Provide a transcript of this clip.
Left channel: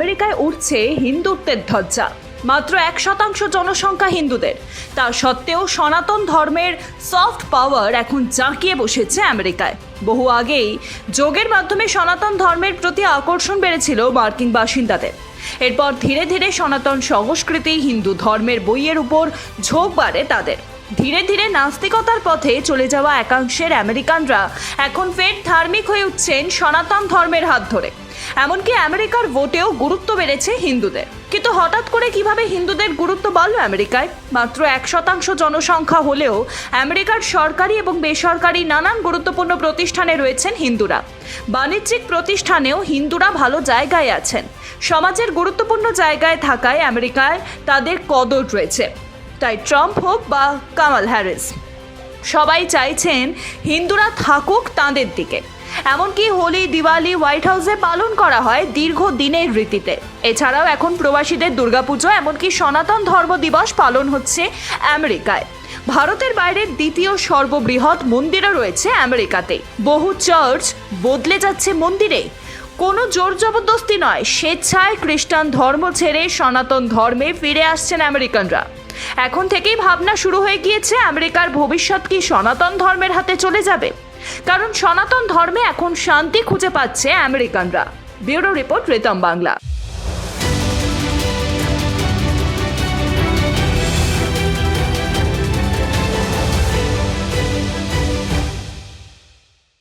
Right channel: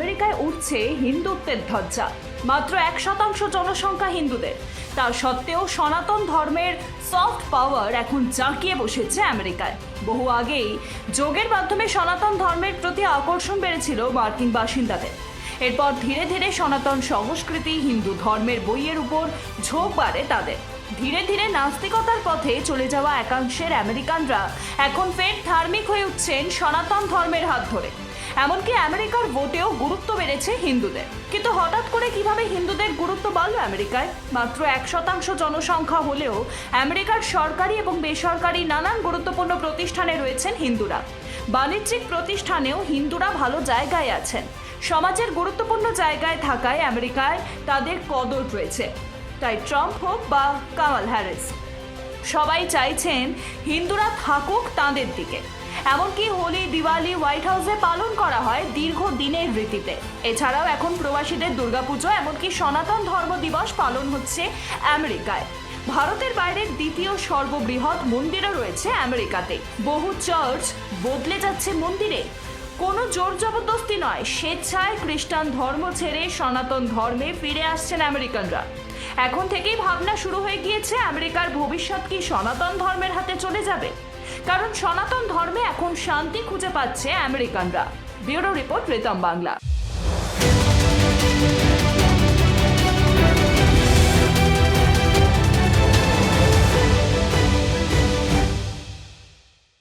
আমেরিকায় উঠছে হিন্দুত্বের ধ্বজা। মাত্র এক শতাংশ জনসংখ্যা হিন্দুদের। তা সত্ত্বেও সনাতন ধর্মের সফট পাওয়ার এখন জাঁকিয়ে বসেছে আমেরিকায়। বহু আগেই যোগের মাধ্যমে সনাতন ধর্মের প্রতি আকর্ষণ বেড়েছিল মার্কিন বাসিন্দাদের। এরপর ধীরে ধীরে সনাতন সংস্কৃতি হিন্দু ধর্মের বইয়ের উপর ঝোঁক বাড়ে তাদের। ধীরে ধীরে নাস্তিকতার পথে চলে যাওয়া একাংশের আমেরিকানরা এখন ফের ধার্মিক হয়ে উঠছেন সনাতন ধর্মের হাত ধরে। এমনকি আমেরিকার ভোটেও গুরুত্ব বেড়েছে হিন্দুদের। কিন্তু হঠাৎ করে কীভাবে হিন্দুদের গুরুত্ব বাড়ল আমেরিকায়? মাত্র এক শতাংশ জনসংখ্যা হলেও আমেরিকার সরকারি এবং বেসরকারি নানান গুরুত্বপূর্ণ প্রতিষ্ঠানে রয়েছেন হিন্দুরা। বাণিজ্যিক প্রতিষ্ঠানেও হিন্দুরা ভালো জায়গায় আছেন। সমাজের গুরুত্বপূর্ণ জায়গায় থাকায় আমেরিকায় তাদের কদর রয়েছে। তাই ট্রাম্প হোক বা কামাল হ্যারিস, সবাই চাইছেন হিন্দুরা থাকুক তাঁদের দিকে। এমনকি হোলি, দিওয়ালি, হোয়াইট হাউসে পালন করা হয় দীর্ঘ দিনের রীতিতে। এছাড়াও এখন প্রবাসীদের দুর্গাপুজো, এমনকি সনাতন ধর্ম দিবস পালন হচ্ছে আমেরিকায়। ভারতের বাইরে দ্বিতীয় সর্ববৃহৎ মন্দিরও রয়েছে আমেরিকাতে। বহু চার্চ বদলে যাচ্ছে মন্দিরে। কোনো জোর জবরদস্তি নয়, স্বেচ্ছায় খ্রিস্টান ধর্ম ছেড়ে সনাতন ধর্মে ফিরে আসছেন আমেরিকানরা। এখন থেকেই ভাবনা শুরু হয়ে গিয়েছে, আমেরিকার ভবিষ্যৎ কি সনাতন ধর্মের হাতে চলে যাবে? কারণ সনাতন ধর্মে এখন শান্তি খুঁজে পাচ্ছে আমেরিকানরা। Bureau report Ritam Bangla.